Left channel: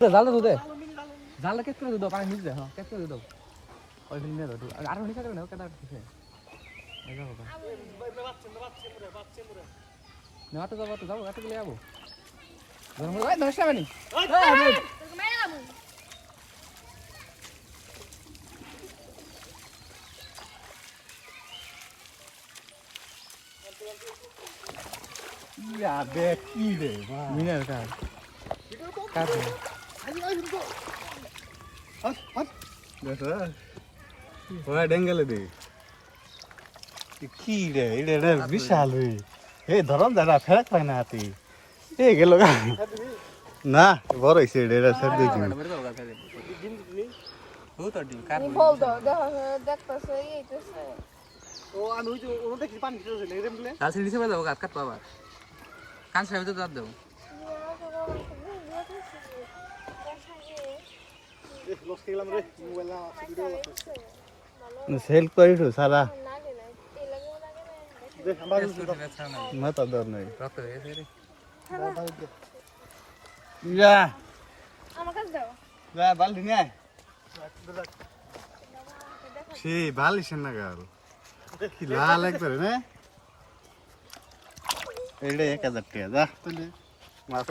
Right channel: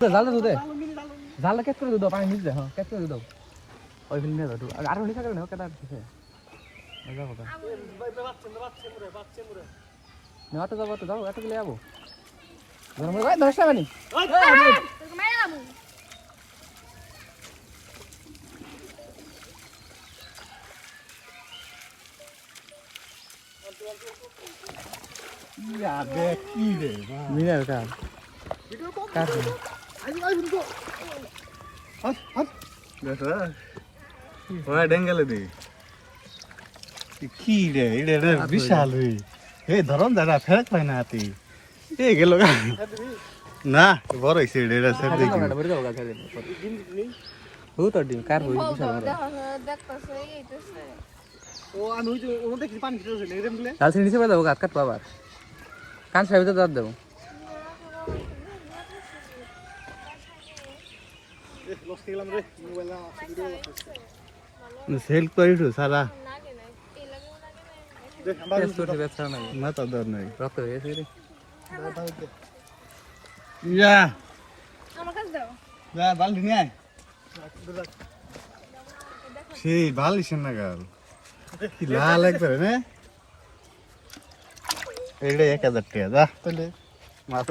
জালটা তো দে জালটা কেট করে দাও পানি নিচে হ্যাঁ কেট করে দাও ওই ফিল নিয়ে দাও আর নিচে করে নাও কেটে দিছে মজা হবে না তো যাও এত গেলে যাবো গরম ভাই ধরছ না নি তোকে মাইরা দাও ইয়া দেখ কি রে মিনার কা কাজ আই তো হাত দেখো ওই ডেঙ্গেলে দে কি রে এটা বিশাল হই এ ধরন দাদা ফেরক পায় না হাতি এ গেল না বড় হইছে এটা স্যার দেখি ও তো ডিম কার বল দাও দেখতেছে এইতেছে ও আমি ওই যে ওখান থেকে পানি ছিটছে নেগরেম দিলে কাল নিচে বাঁধাবো গাছ কাটবো আবার কান সাহেব তো দেবো লস খেলাম রে মোবাইল না ভিডিও সেল করি তো সারা দেখ আমরা না তো দর নাই রক্ত হয়ে গেছে রে ইয়া আমার কাছে দাও যা বালতি নিয়ে আয় সেই বালিশ না গাল কি লাল একবারে না এইটা 1000 টাকা যা তাহলে মাছ